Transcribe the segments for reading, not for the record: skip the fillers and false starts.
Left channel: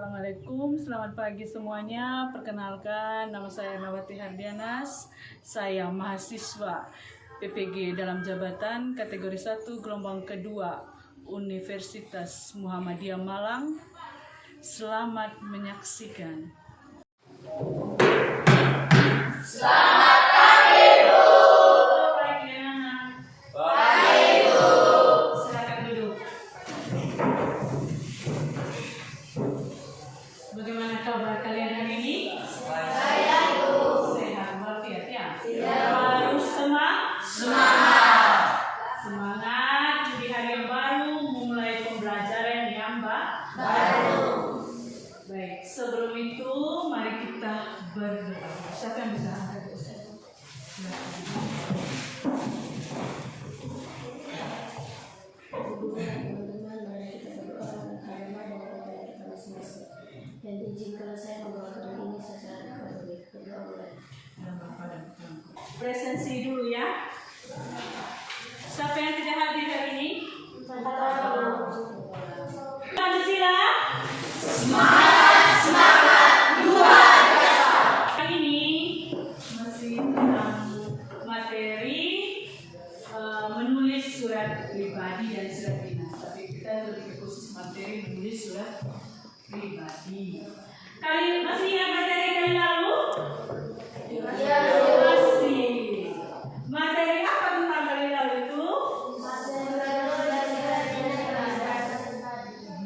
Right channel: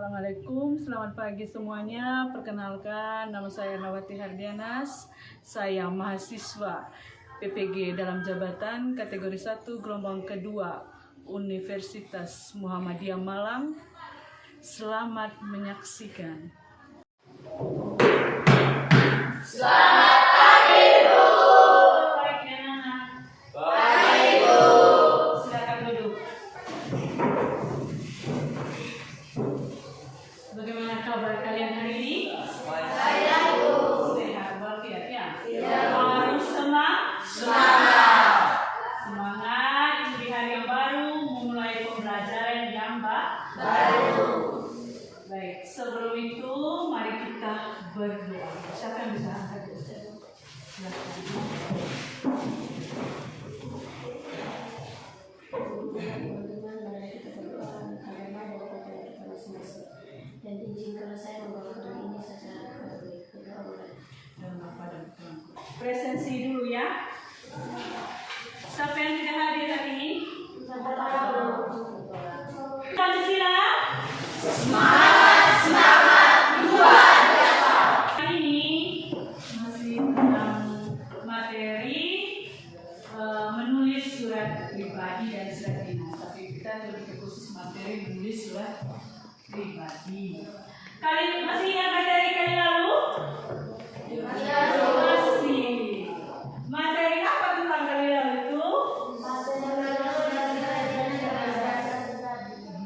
Assalamualaikum, selamat pagi semuanya. Perkenalkan, nama saya Ernawati Hardianas. Saya mahasiswa PPG dalam jabatan kategori 1 gelombang kedua Universitas Muhammadiyah Malang. Selamat menyaksikan. Selamat pagi, Bu. Pagi, Bu. Silakan duduk. Bagaimana kabar kalian hari ini? Sehat, Bu. Sehat walafiat ya? Iya. Harus semangat. Semangat di hari yang baru, memulai pembelajaran yang baru. Baik, sebelum itu mari kita berdoa. Siapa yang bisa angkat Ustaz? Dan izinkanlah saya membawa doa ini secara kebenaran. Presensi dulu ya. Siapa yang tidak hadir hari ini? Pancasila. Semangat luar biasa. Hari ini masih tentang materi menulis surat pribadi dan surat dinas. Tapi kita lebih khusus materi menulis surat pribadi. Kali masih ingat materi kali lalu? Masih. Materi apa tentang kali lalu itu?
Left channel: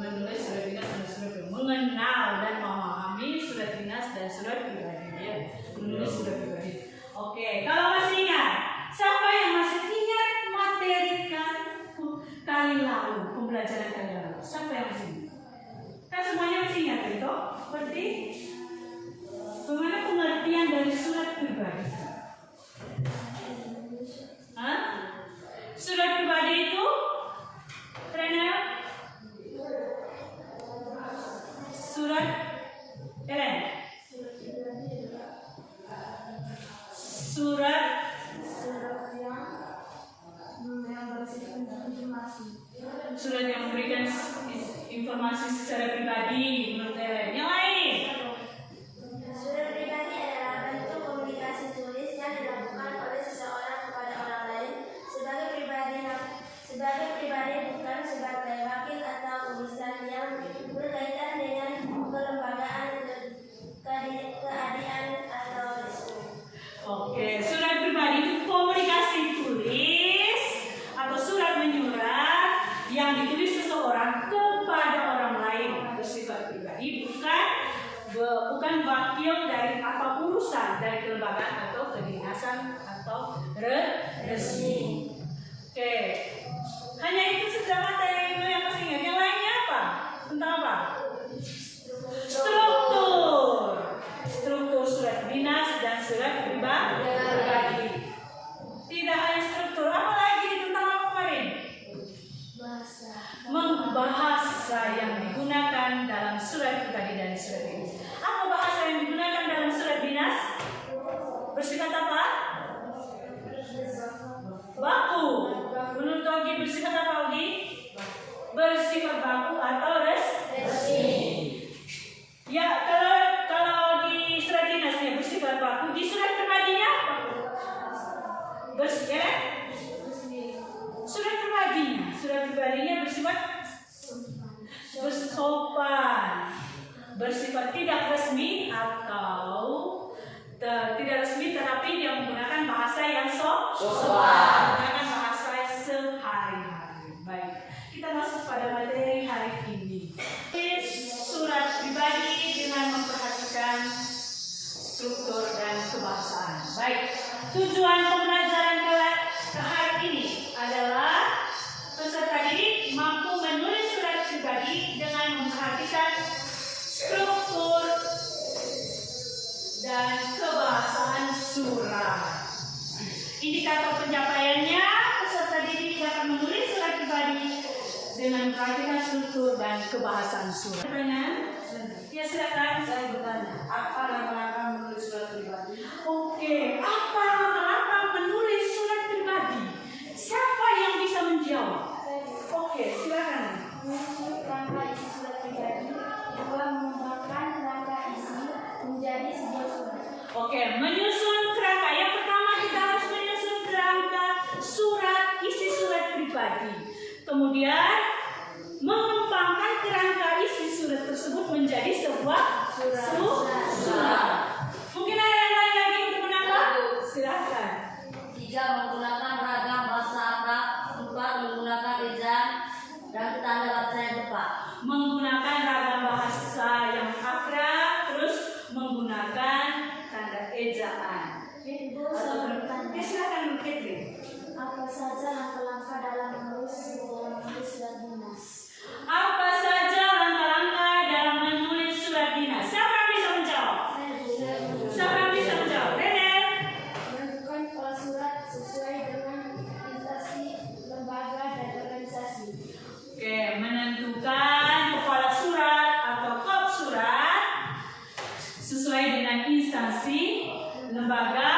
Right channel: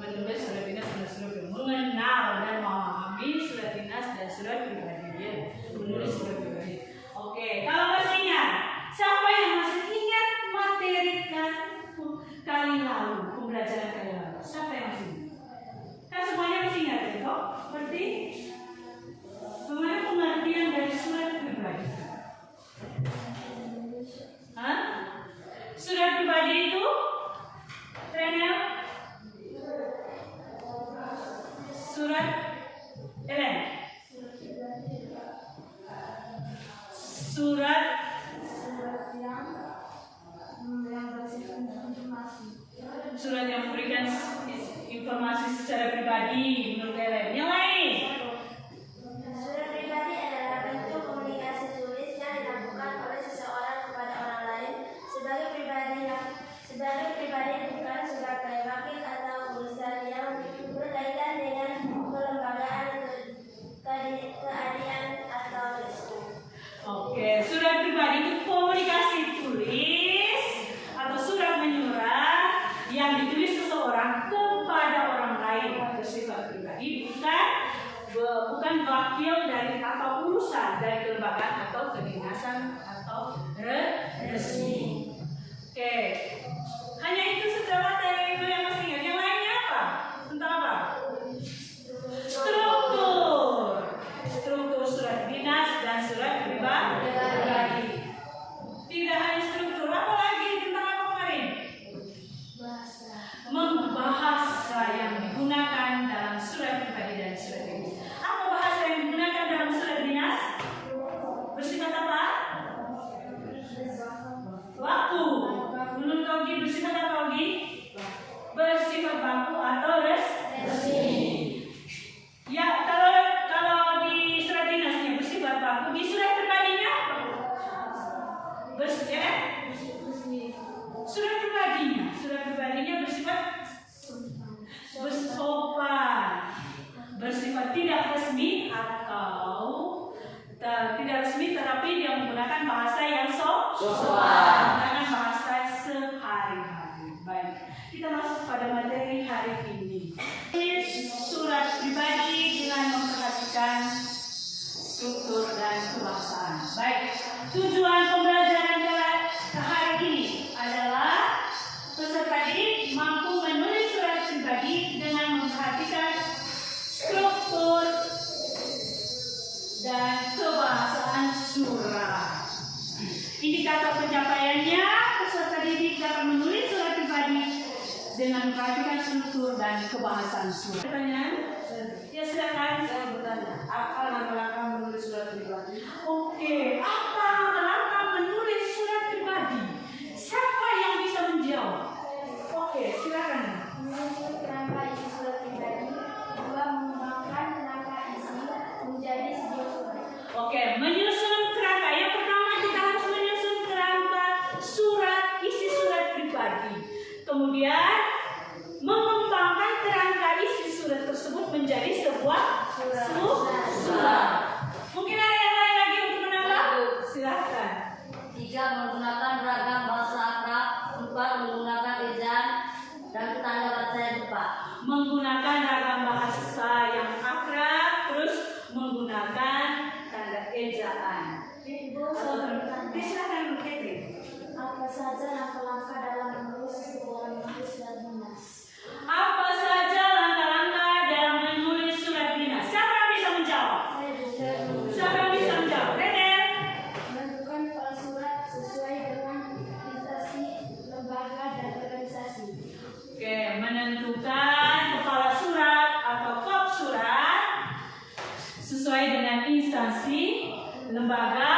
Menulis surat dinas dan surat pribadi. Mengenal dan memahami surat dinas dan surat pribadi. Ya. Menulis surat pribadi. Oke, kalau masih ingat, siapa yang masih ingat materi kali lalu, pembelajaran kali lalu? Siapa yang masih ingat? Kan semuanya masih ingat itu? Berarti semuanya pengertian dari surat pribadi. Hah? Surat pribadi itu Renel? Surat Ellen? Surat yang memberikan informasi secara pribadi menurut Ellen. Yang lain? Surat pribadi adalah bentuk komunikasi tulis yang dilakukan oleh seseorang kepada orang lain sebagai pribadi bukan sebagai wakil atau urusan yang berkaitan dengan kelembagaan, keadilan atau Oke, surat pribadi itu komunikasi tulis atau surat menyurat yang ditulis seseorang kepada orang lain bersifat pribadi, bukan wakil dari atau urusan dari kelembagaan atau kedinasan atau resmi. Oke, hanya itu saja materi yang masih ingat. Yang lainnya apa? Tentang apa? Struktur surat dinas dan surat pribadi. Tidak hanya struktur, apa lagi tentang apa kemarin? Bahasa yang digunakan dalam surat pribadi dan surat dinas. Apa bahasa yang digunakan dalam surat dinas? Bersifat apa? Baku. Menurut Ogi bersifat apa, Ogi? Bersifat baku atau resmi. Ya, kalau di surat dinasnya bersifat baku, di surat pribadinya surat pribadinya bersifat bersopan, bersifat tidak resmi atau tidak resmi, tetapi dia menggunakan bahasa yang sopan, menggunakan bahasa sehari-hari. Baik, kita masuk pada materi hari ini. Surat pribadi dengan memperhatikan struktur dan kebahasaan. Baik, tujuan pembelajaran ke hari ini adalah peserta didik mampu menulis surat pribadi dengan memperhatikan struktur dan kebahasaan surat. Indikator pencapaiannya, peserta didik dapat menulis surat pribadi dengan memperhatikan struktur dan kebahasaan surat. Pertanyaan? Ya, silakan. Saya bertanya, apa langkah-langkah menulis surat pribadi? Oke, apa langkah-langkah menulis surat pribadi? Siapa yang bisa menjawab? Oke, silakan. menulis rangkaian surat pribadi, 2 membawa menjadi sebuah surat. Mungkin ada yang lain lagi untuk menambah? Silakan. 3. Menggunakan ragam bahasa Arab. 4. Menggunakan ejaan dan tanda baca yang tepat. Menggunakan ragam bahasa yang akrab, terus menggunakan tanda ejaan. Ibu, saya bertanya, Silakan Catherine. apa saja langkah-langkah dalam menulis surat dinas? Apa saja langkah-langkah dalam menulis surat dinas? Siapa yang bisa menjawab? Saya juga Siapa yang bisa menjawab? Rene. menentukan pola surat sesuai dengan instansi, lembaga, dan organisasi. Oke, menentukan kepala surat atau kop surat sesuai dengan instansi, lembaga,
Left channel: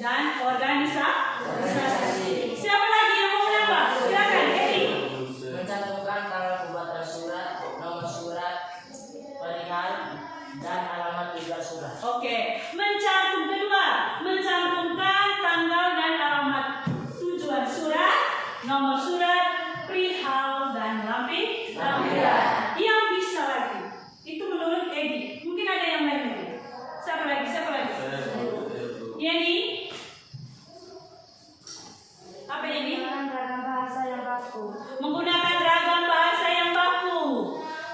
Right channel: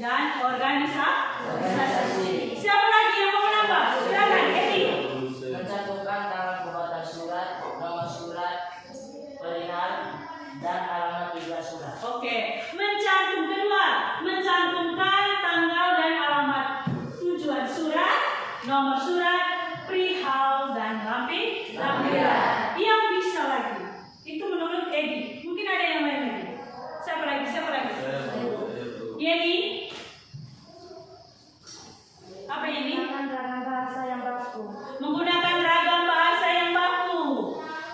dan organisasi. Siapa lagi yang mau menambah? Silakan, Edi. Mencantumkan tanggal pembuatan surat, nomor surat, perihal, dan alamat tujuan surat. Oke, mencantumkan tanggal dan alamat tujuan surat, nomor surat, perihal, dan lampiran. Yang bisa lagi, itu menurut Edi. Mungkin ada yang lain lagi. Siapa lagi? Yeni? Apa ini? Menggunakan ragam bahasa yang baku. Menggunakan ragam bahasa yang baku.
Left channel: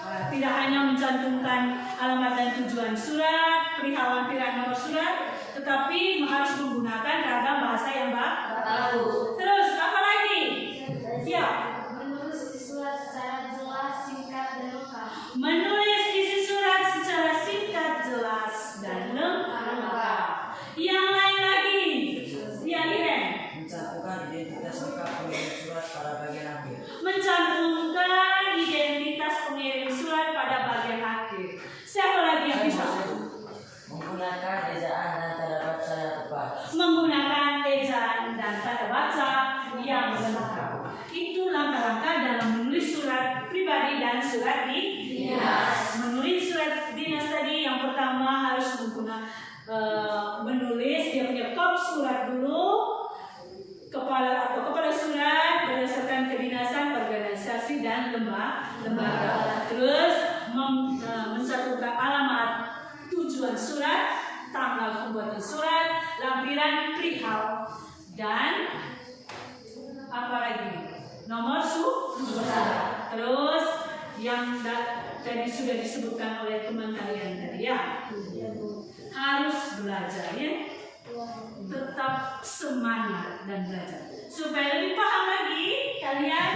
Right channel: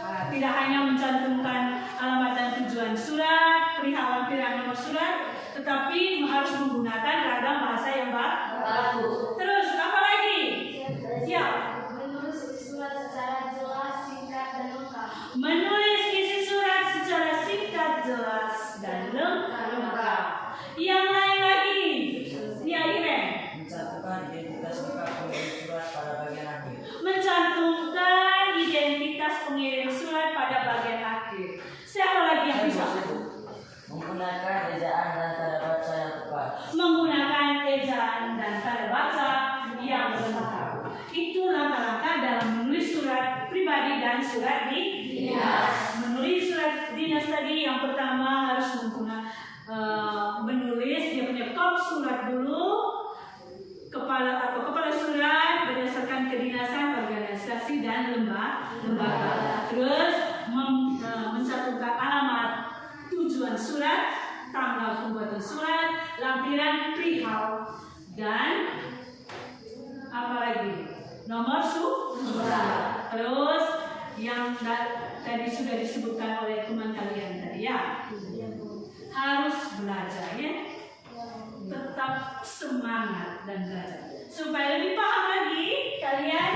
Tidak hanya mencantumkan alamat dan tujuan surat, perihal, lampiran, nomor surat, tetapi harus menggunakan ragam bahasa yang baku. Terus apa lagi? Ya. Menulis isi surat secara jelas, singkat, dan lengkap. Menulis isi surat secara singkat, jelas, dan lengkap. Yang lain lagi? Ya, Iren. Mencantumkan identitas lengkap pengirim surat pada bagian akhir. Mencantumkan identitas pengirim surat pada bagian akhir. Siapa lagi yang bisa? Menggunakan ejaan dan tanda baca yang tepat. Menggunakan ejaan dan tanda baca yang benar. Itu langkah-langkah dalam menulis surat pribadi dan surat dinas. Menulis surat dinas tadi yang pertama harus menulis dia punya kop surat dulu, kepala surat berdasarkan kedinasan, organisasi, dan lembaga. Terus mencantumkan alamat tujuan surat, tanggal pembuatan surat, lampiran, perihal, dan apa lagi? Nomor surat. Terus yang tadi sudah disebutkan oleh teman kalian tadi ya, harus belajar ya, tetap semangat dan belajar. Supaya lebih paham lagi, kalian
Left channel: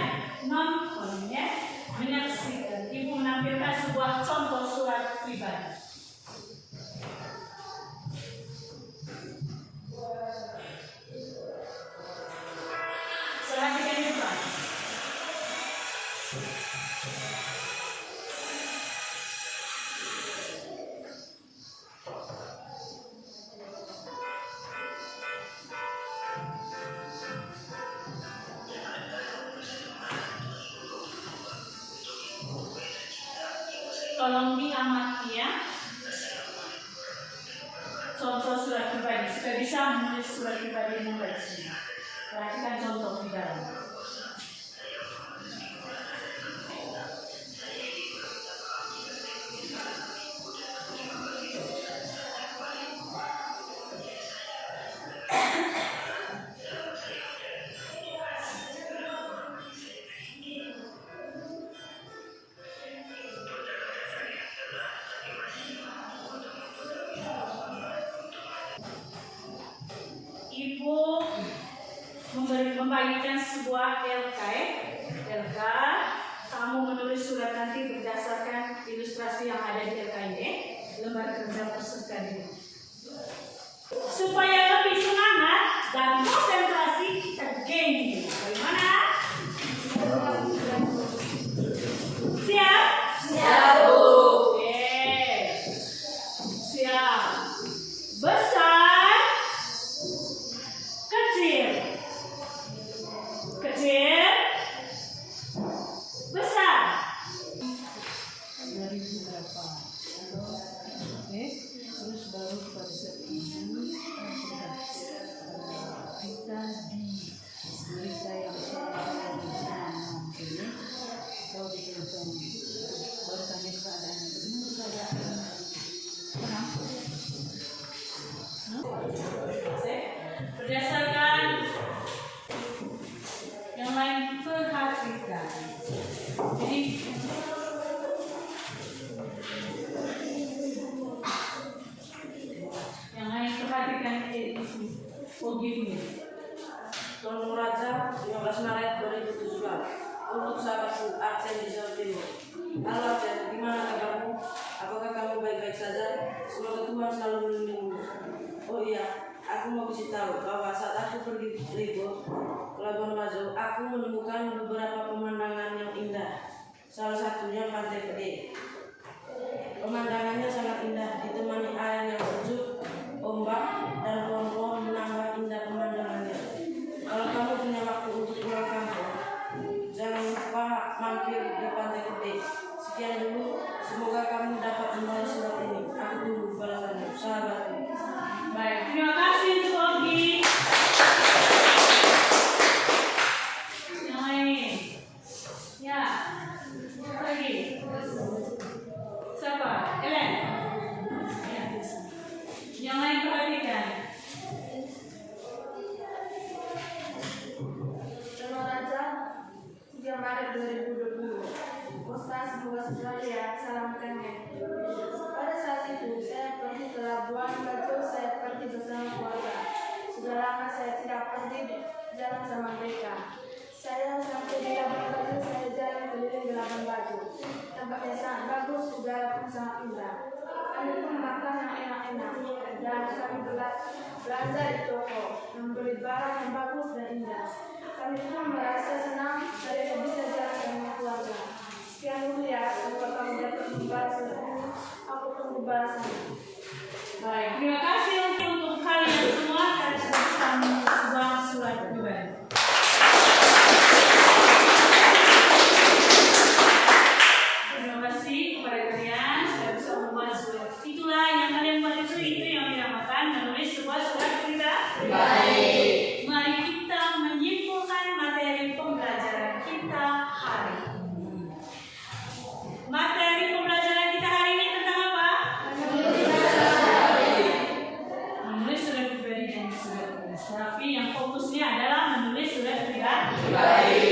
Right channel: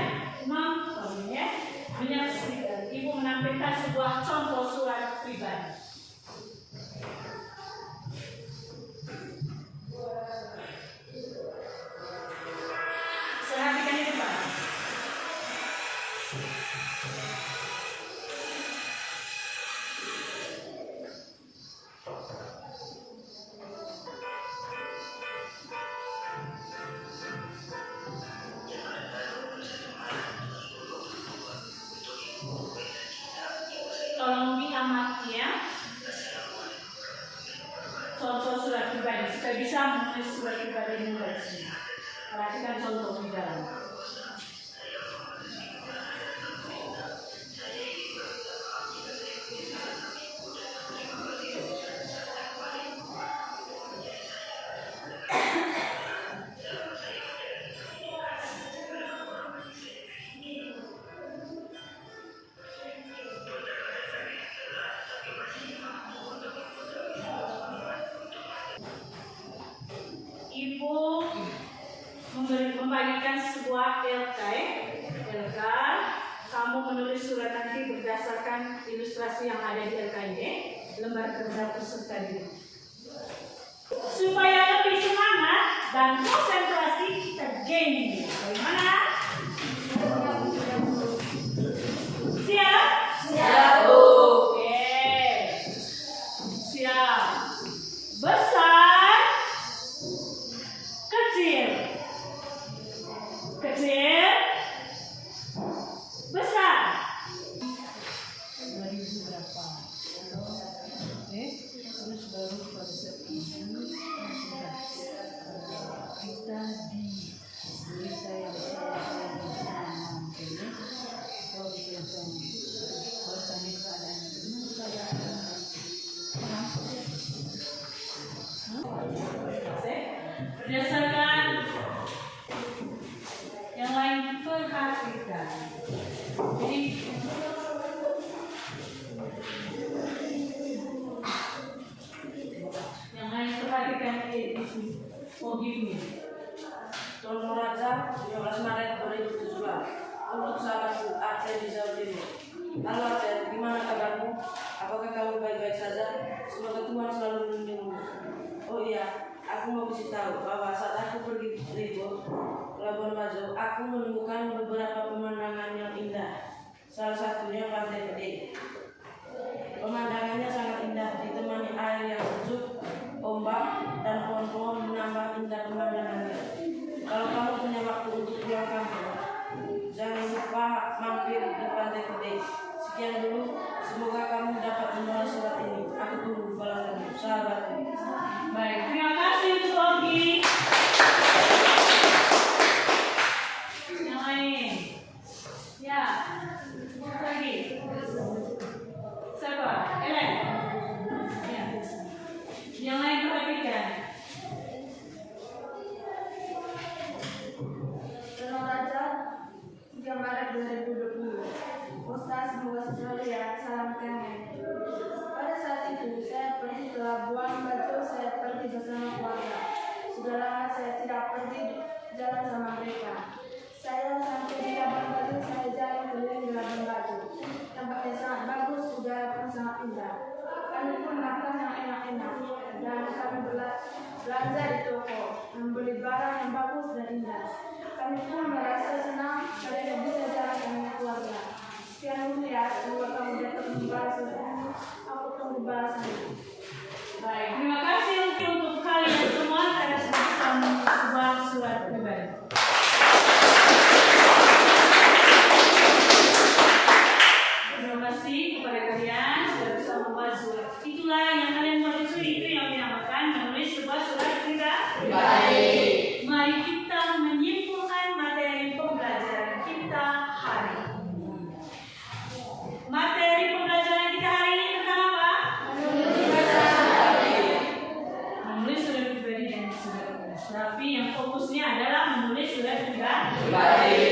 nonton ya, menyaksikan ibu menampilkan sebuah contoh surat pribadi. Perhatikan ini Pak. Tolong diamati ya. Contoh surat pribadi supaya bisa menulis surat pribadi mulai sini. Perhatikan contoh di dalam. Ibu membagikan sebuah LK. Kamu menulis surat nanti berdasarkan ilustrasi yang ada di LK ini, lembar kerja peserta didik. Supaya lebih semangat dan konsentrasi tergain. Bagaimana? Siap? Siap, Bu. Oke. Siap. Besar, kecil, kecil, besar. Dari berapa? Oke, terus baru konsep ini kita di berita yang salah. Berdasarkan yang lain perhatikan. Jadi yang lain perhatikan itu begini. Tonton Raja 15 Maret 2017 untuk sahabatku Aceh di Jawa Timur. Halo Aceh, gimana kabarmu? Apakah kamu baik-baik saja? Semoga Tuhan selalu melindungimu. Oh iya, aku mau kasih tahu bahwa saat aku pergi libur ke Labuan Bajo, aku menemukan beberapa pemandangan yang indah. Salah satunya Pantai Gede. Pemandangannya sangat indah, ditemani air yang sejuk, ombak, dan pohon-pohon menambah indah pemandangannya. Kalau kamu punya waktu untuk pulang kampung, jangan lupa mampir di Pantai Gede. Sekian dulu, semoga kamu dapat membalas surat ini. Aku tunggu balasanmu, sahabatku. Baik, terima kasih untuk Ogi. Yang lain, ya, lagi. Siapa? Ellen. Ya. Yang lain perhatikan. Tonton Raja 3 Maret 2020. Ustaz Luas Australia, salam kengen. Pada saat itu saya pergi ke Labuan Bajo, saya pergi bersama keluarga. Sudah lama saya tidak pergi jalan sama mereka. Saya sampai di Labuan Bajo, saya jalan keliling di Labuan Bajo. Tempatnya sangat bagus, udara pun sangat indah. Kami pun makan yang enak-enak dan kami belanja di toko, membeli barang yang bagus dan indah. Kami pun merasa senang karena bisa jalan dengan keluarga. Sekian dulu ya, semoga kamu dapat membalas surat ini. Aku tunggu balasannya. Baik, terima kasih untuk kalian semua karena sudah bersama sebuah surat pribadi. Terima kasih kepada kalian sudah bisa membuat surat. Itulah yang kalian buat itu yang dinamakan menulis sebuah surat pribadi. Mari kita menyimpulkan materi pembelajaran kita hari ini. Materi pembelajaran kita hari ini tentang apa? Menulis surat pribadi dan surat tugas. Tapi yang fokusnya adalah menulis surat pribadi.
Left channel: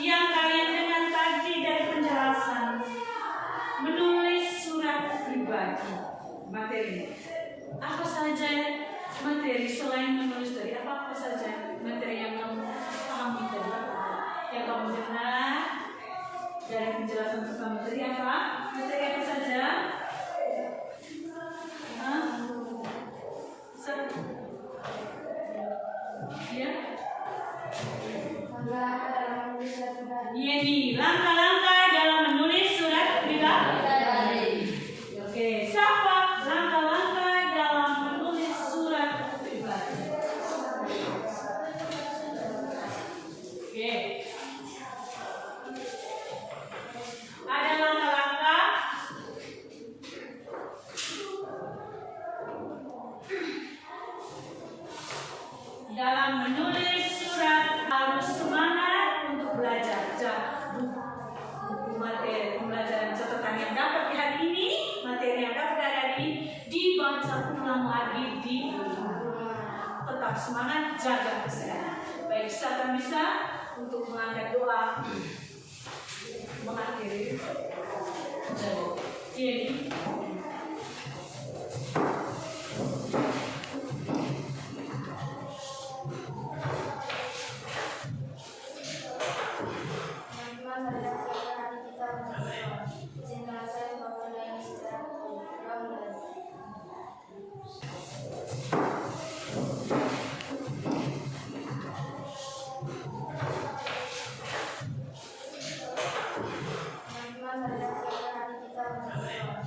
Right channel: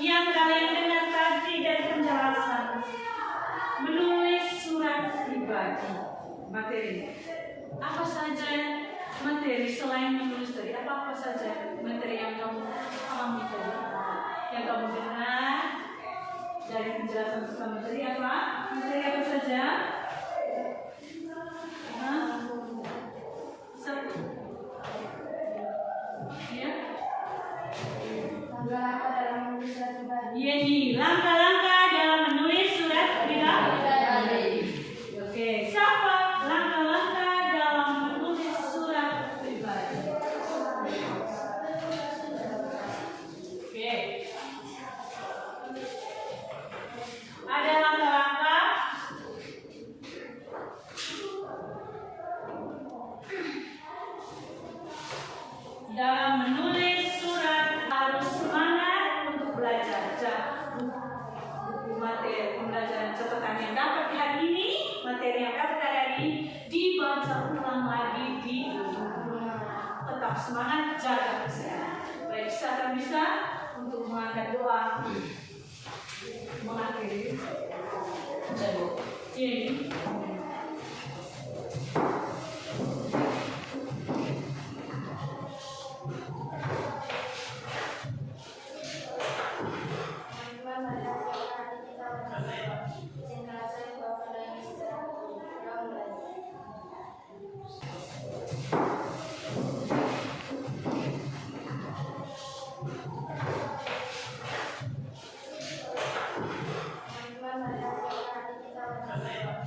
Yang kalian dengar tadi dari penjelasan menulis surat pribadi materinya. Apa saja materi selain menulis tadi? Apa saja materi yang kamu pahami tadi? Yang kamu dengar dari penjelasan tentang materi apa? Materi apa saja? Satu. Ya. Langkah-langkah dalam menulis surat pribadi. Iya nih, langkah-langkah dalam menulis surat pribadi. Oke, siapa langkah-langkah dalam menulis surat pribadi? Oke. Ada langkah-langkah. Dalam menulis surat harus semangat untuk belajar. Buku materi pembelajaran catatan yang dapat hari ini, materi yang dapat hari ini dibaca ulang lagi di rumah. Tetap semangat, jaga kesehatan. Baik, siapa bisa untuk mengangkat doa mengakhiri. Ini. Teman-teman, marilah siapkan hati kita untuk berdoa. Izinkanlah saya membawa doa ini secara utuh. Kita mulai. Teman-teman, marilah siapkan hati kita untuk berdoa.